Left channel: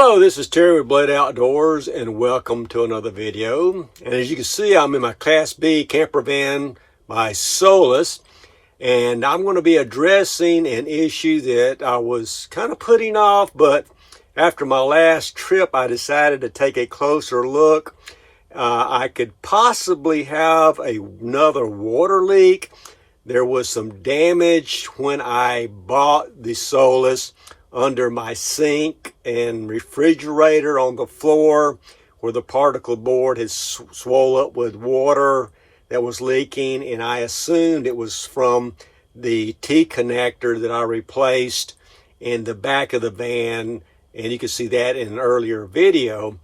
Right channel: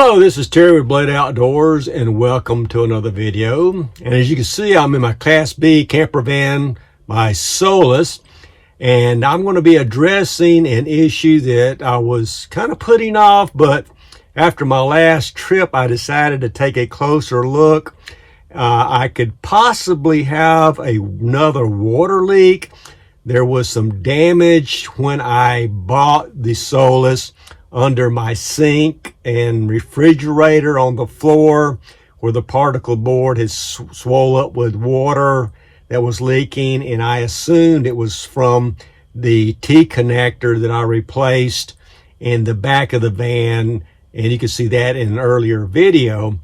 Hello, this is Terry with Blade Outdoors, and welcome to another video. And as you can see, I'm in my Class B camper van, my Solis, and I'm going to be addressing an issue that I was kind of putting off, but after my last trip, I decided to take a closer look. I could possibly have another water leak. There was some damage when I bought the Solis under my sink and refrigerator on the floor where the particle board has swollen up with water that was leaking, and I assumed it was from the T connector that I replaced in the back of the van, and you can see that in an earlier video.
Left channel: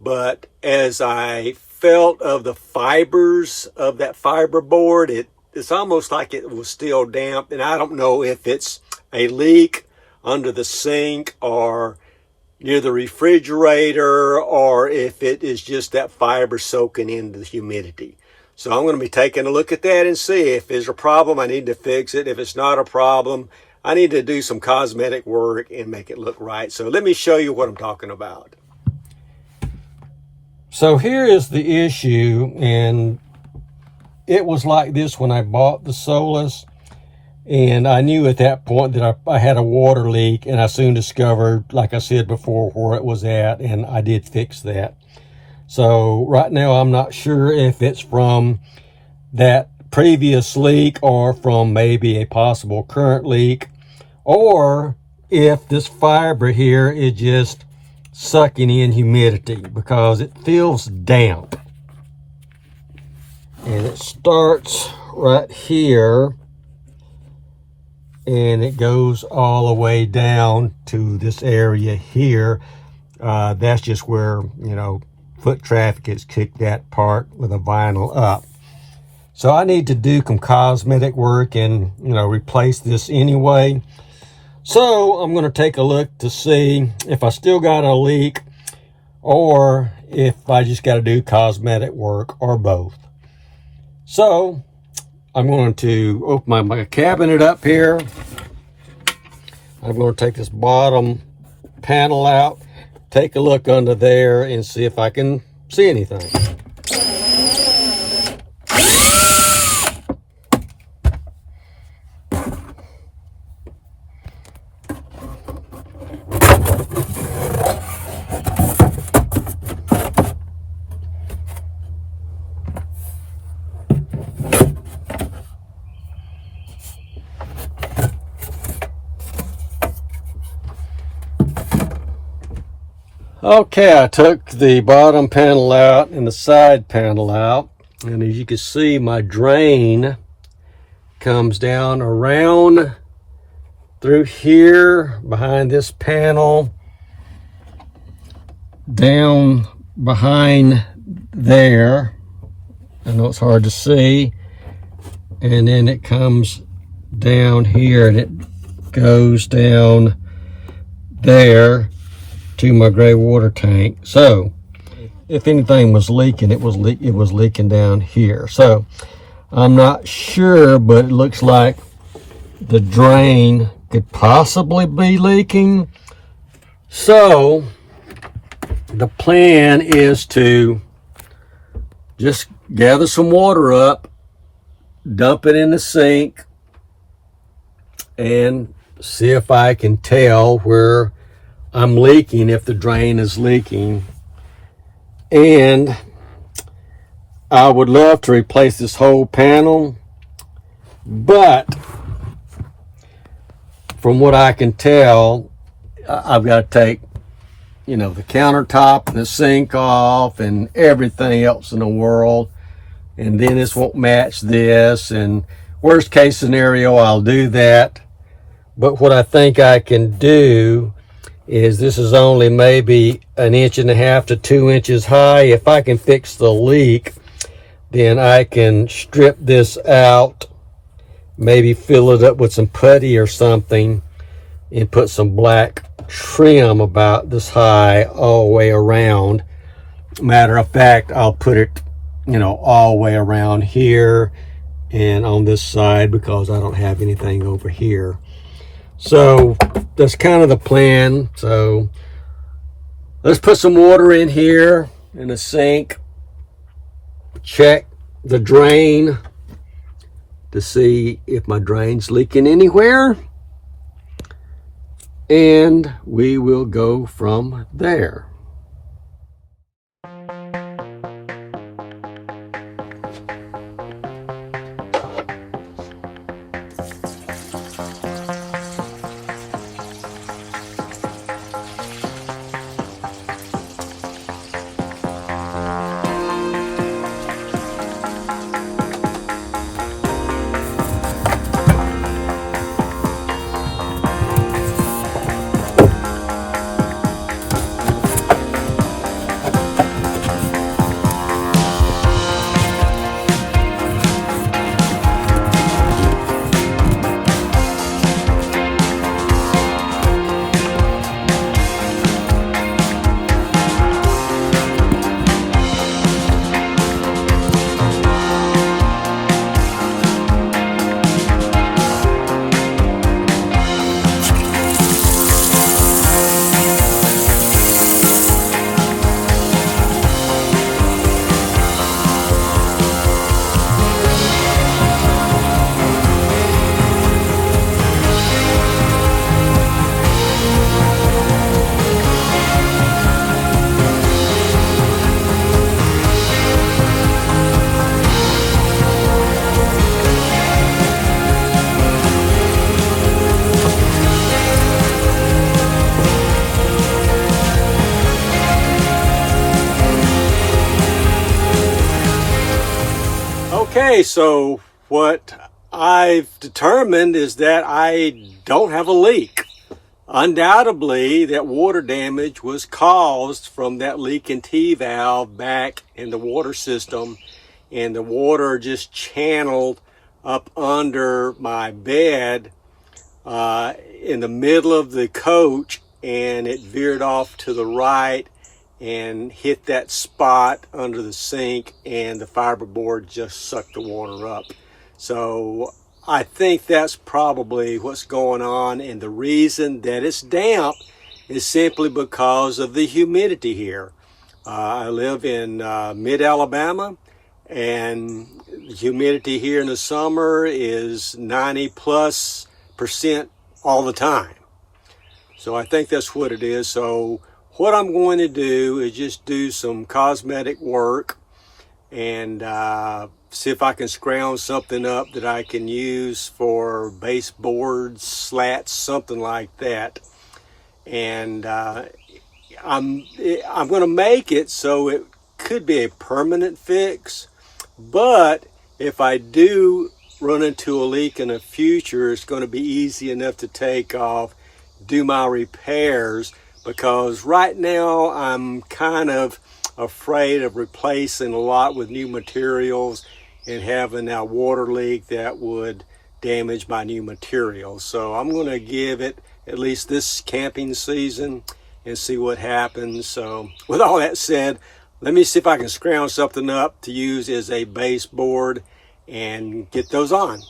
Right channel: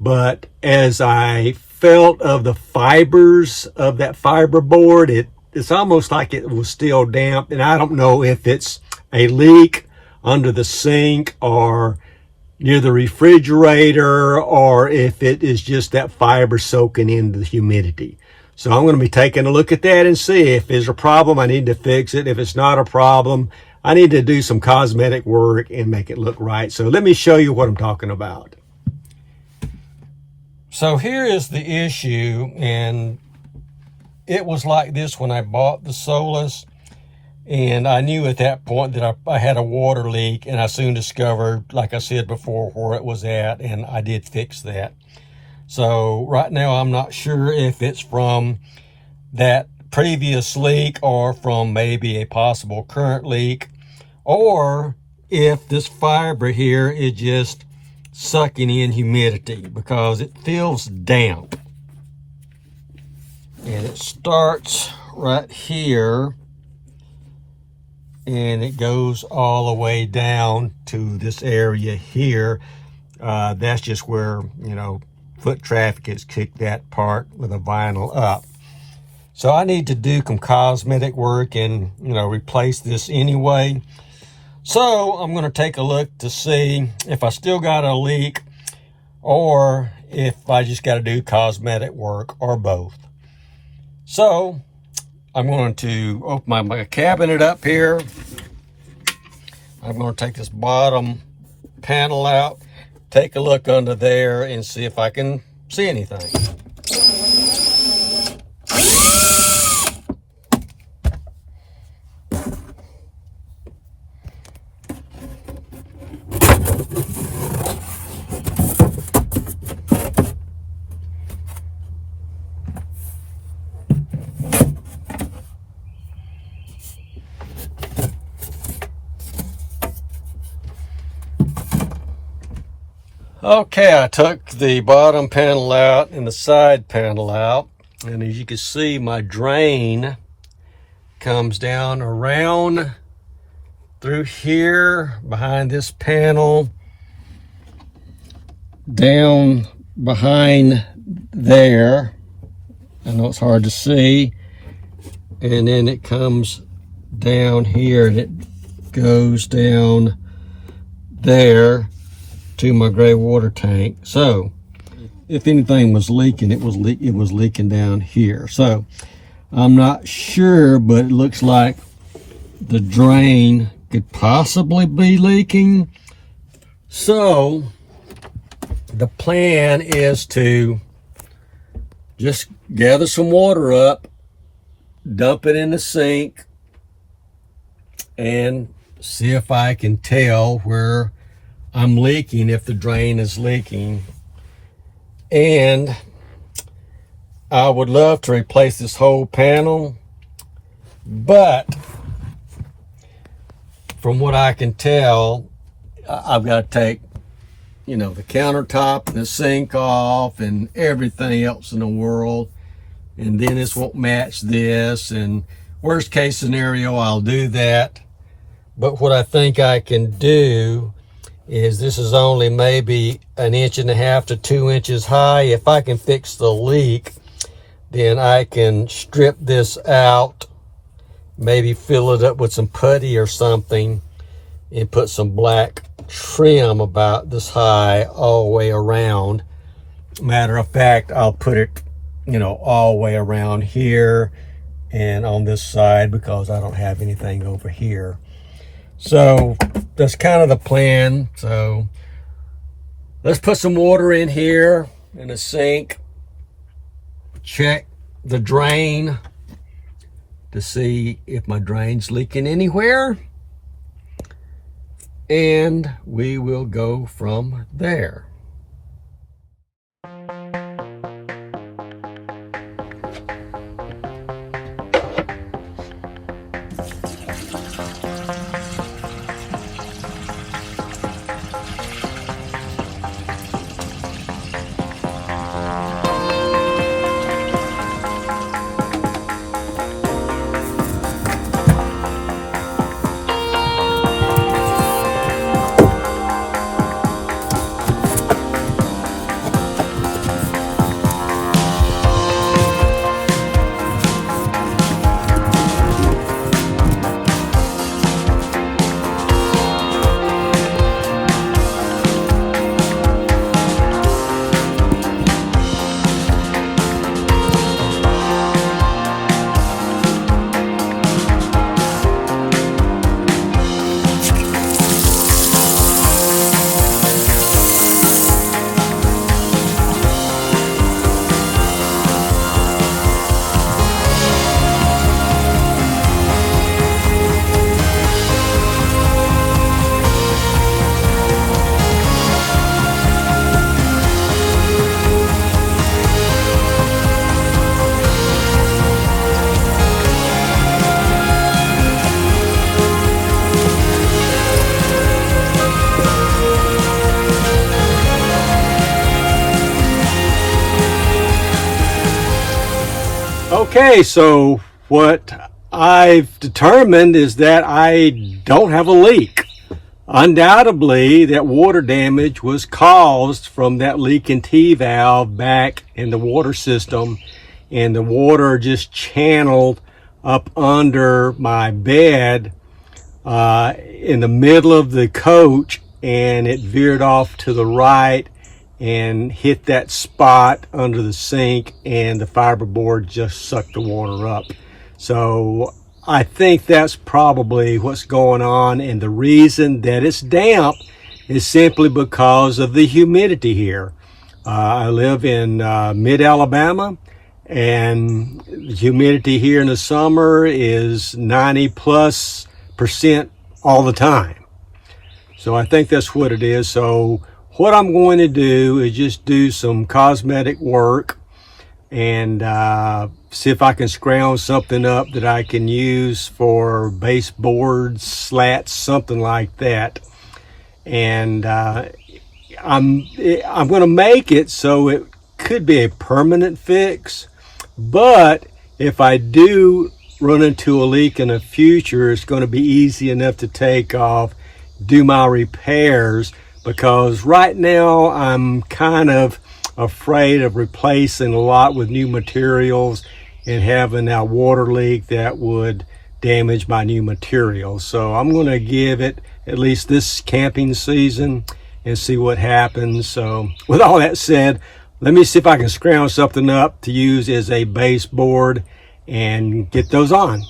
But as I felt of the fibers of that fiber board, it's almost like it was still damp, and I don't know if it's a leak under the sink or near the refrigerator, or if it is just that fiber soaking into the humidity. So I'm going to be taking a look at that and see if there's a problem. I need to fix it. If it's not a problem, I need to do some cosmetic work and make it look right. So let me show you what I'm talking about. So here is the issue, and it was like this when I bought the Solis. And I knew at that point that I had a water leak, and I soon discovered, like I said before, where it was at, and I did fix that. So right now I'm not sure if it's from that previous leak or from maybe a possible current leak, or if this fiber here is just sucking in humidity because it feels damp. And it starts right here, and it goes all the way down to this area here. That's just where, foot traffic has kicked that part with a vinyl up. So I need to do some cosmetic work and, replace this anyway. So I'm going to take a look to see if I still got a leak or if I just got to do cosmetic work, or both. So I'm going to open my cabinet up here. I'm going to take this bottom panel out, take a look under there, and see if I can see anything. Okay, I took the bottom panel out and the side panel out, and as you can see, my drain comes down around through here behind this panel, down behind there. I know it's hard to see, and then it comes down here and it goes down there to my gray water tank. So if anything was leaking, it was leaking down here. So I'm not sure, but it looks like the drain could possibly be leaking. So the plan is to just gather some water up, dump it in the sink, and see if I can tell where I'm leaking, if the drain is leaking. And I would love to replace this whole panel, but from what I can tell, I've got to take, the countertop and the sink off and everything else in the world, and then this won't match this, and worst case scenario, I'll do that. But what I think I can do is, this is only maybe 1.5 inches to 2 inches high. If I can fix the leak, then I can strip this out, maybe fill it up with some putty or something, and put some black trim about this high all the way around. Matter of fact, I'll put it, all the way around here and on this side, because I don't have anything over here. So that's kind of the plan. So Let's put some water in here in the sink. Check the drain to see if my drain's leaking anywhere. And we will go from there. Okay, so what I've determined is that I don't have a leak. Undoubtedly, that water damage was caused from that leaking T-valve back in the water system, and the water just channeled up under my bed in the middle of the coach, and it veered off to the right and hit that spot under the sink, and the fiberboard just sucked the water up. So I think that's probably what's going on, and the reason that it's damp is simply because of the humidity here. I live in mid-Alabama, and humidity here in the summer is 90+% all the time. So I think that's what it is. So what I'm going to do is just do some cosmetic work and see if I can scrounge something up that I can use for baseboards, slats, something like that. And I'm going to make it so it could be a permanent fix. But if I do run into a leak in the future, it's going to be easy enough to take off, do my repairs, because right now I'm kind of afraid of replacing a lot with new materials and having that water leak that would damage my new materials. So I'm going to give it at least this camping season and see what happens. So with all that said, let me see if I can scrounge something up to use as a baseboard and get those on.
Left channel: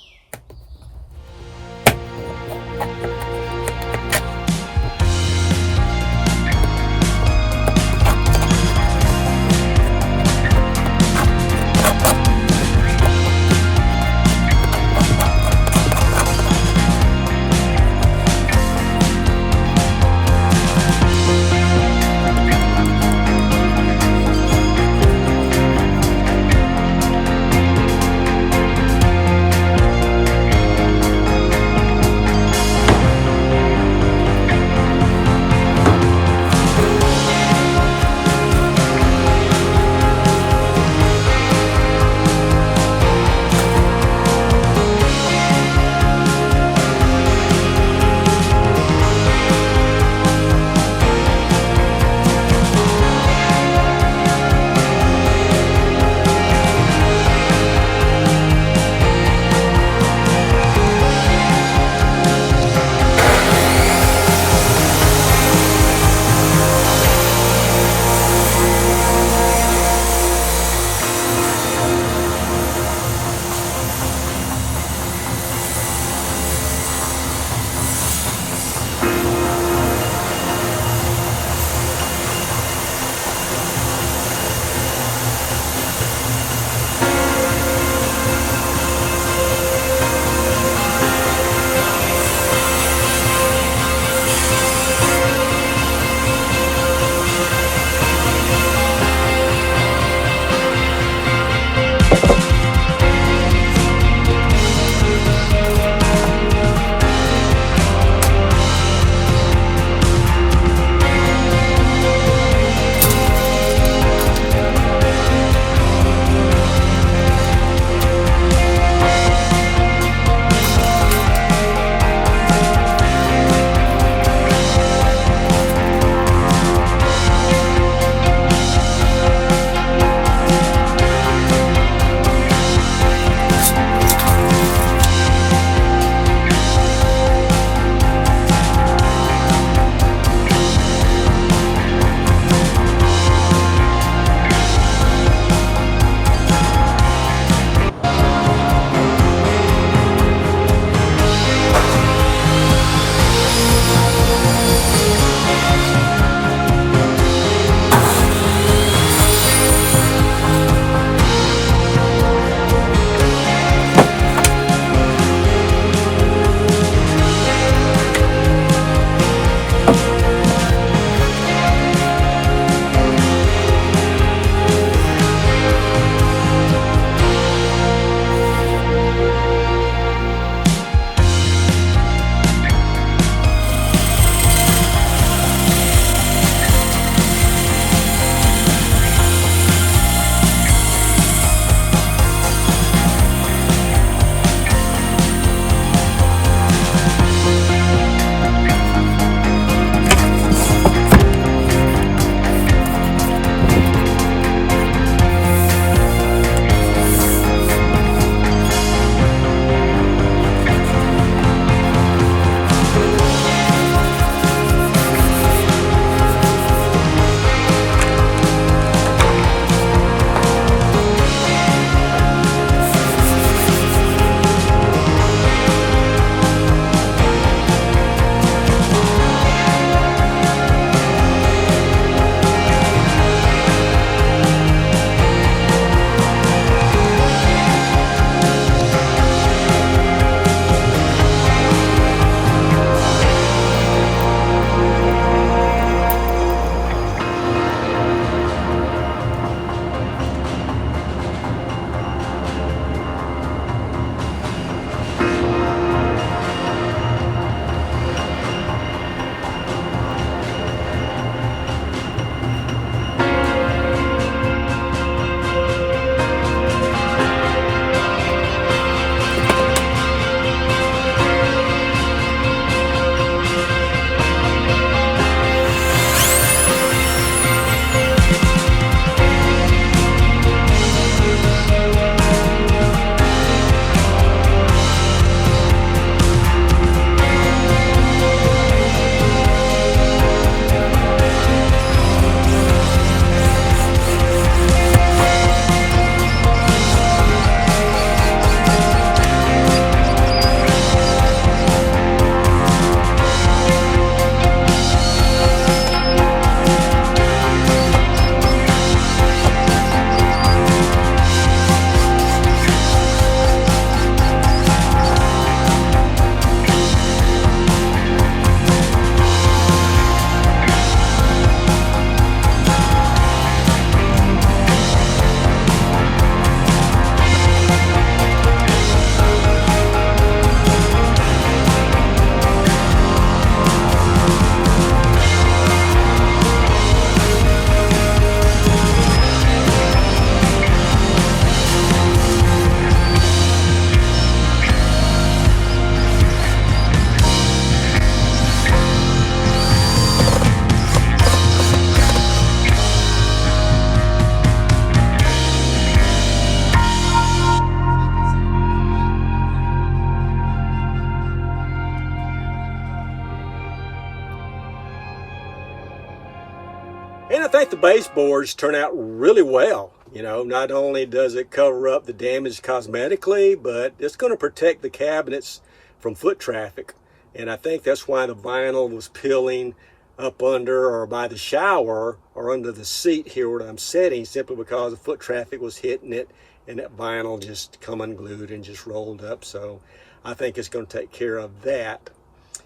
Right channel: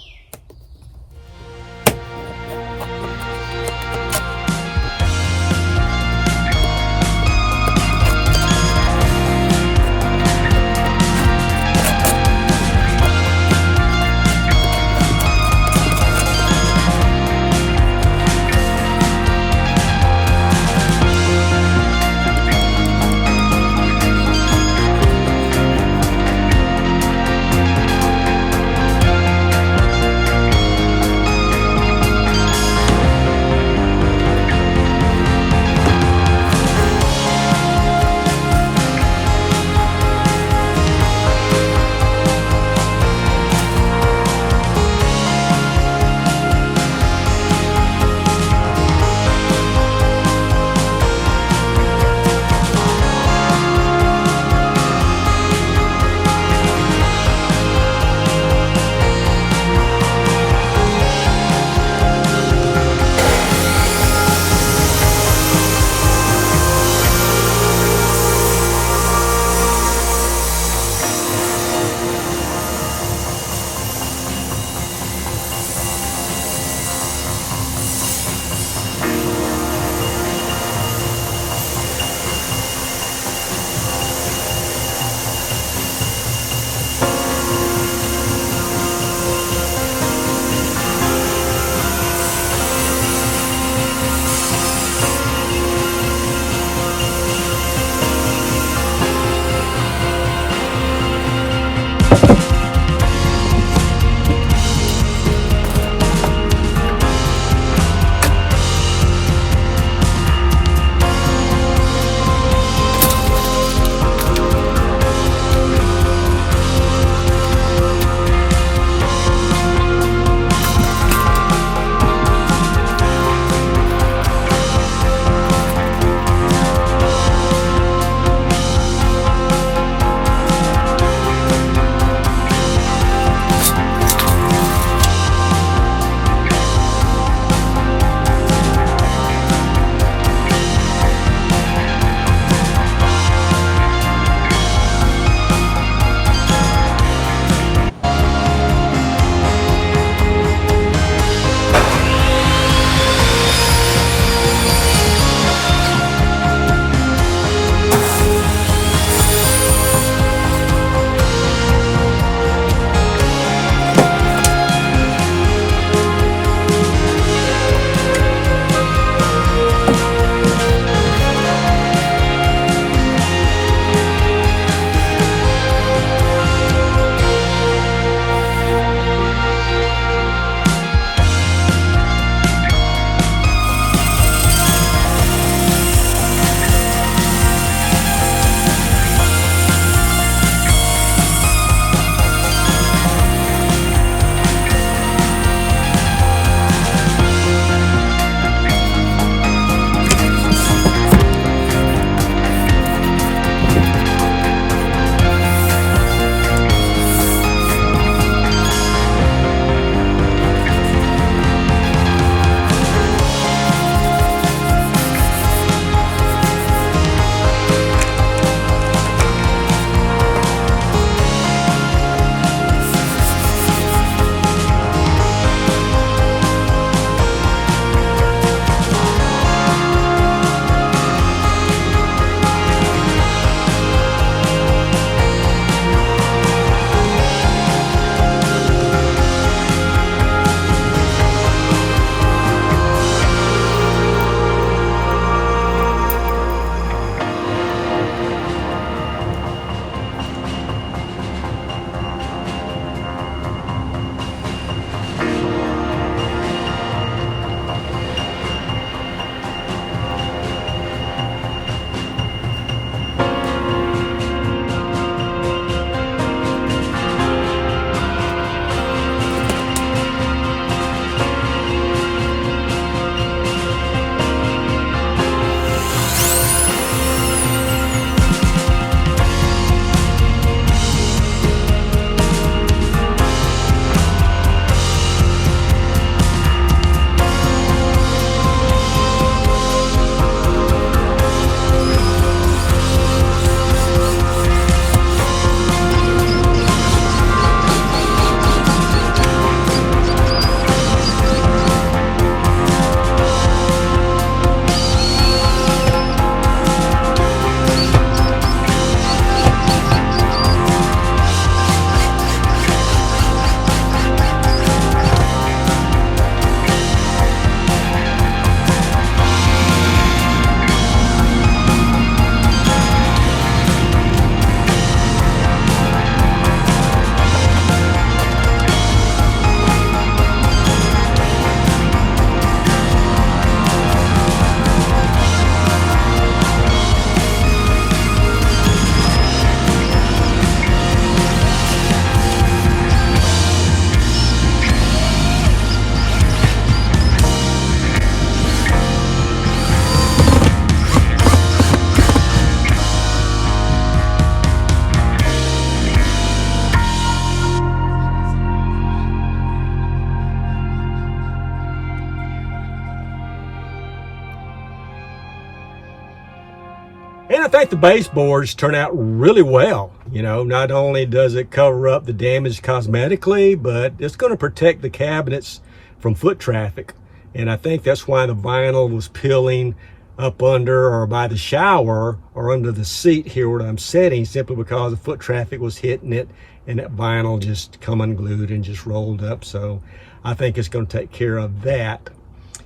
And I think the baseboards turn out really well. You know, not only does it cover up the damage cosmetically, but it's going to protect the cabinets from foot traffic. And I think that's why the vinyl was peeling up under or by the shower or under the seat here where I'm sitting, simply because the foot traffic was hitting it and that vinyl just come unglued and just rolled up. So I think it's going to take care of that.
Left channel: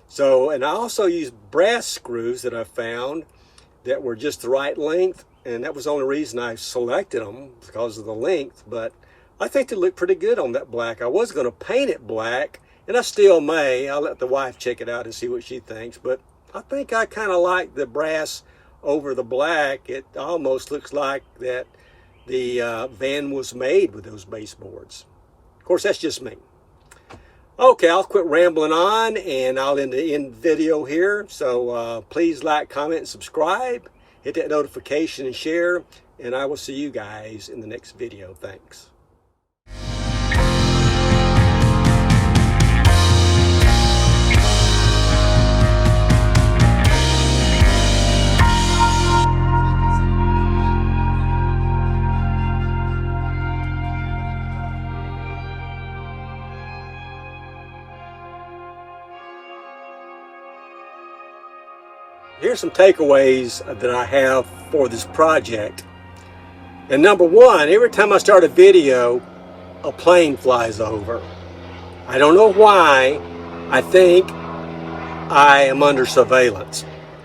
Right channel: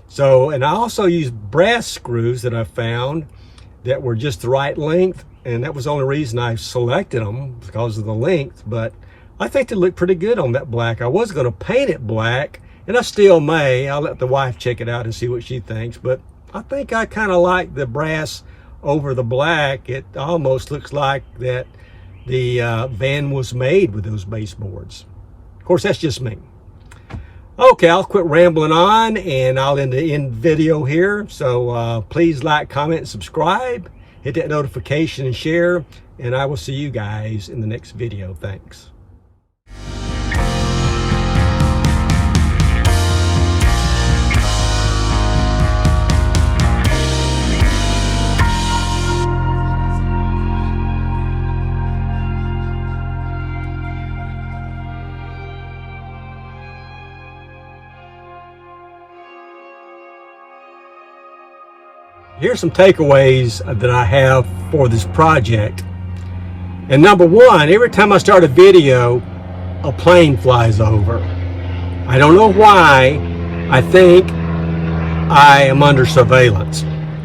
So, and I also used brass screws that I found that were just the right length, and that was the only reason I selected them, because of the length. But I think they look pretty good on that black. I was going to paint it black, and I still may. I'll let the wife check it out and see what she thinks, but I think I kind of like the brass over the black. It almost looks like that the van was made with those baseboards. Of course, that's just me. Okay, I'll quit rambling on, and I'll end the video here. So please like, comment, and subscribe. Hit that notification and share, and I will see you guys in the next video. Thanks. Here's some takeaways that I have for this project. And number one, every time I start a video, a plane flies over. I don't know why. I think I am under surveillance.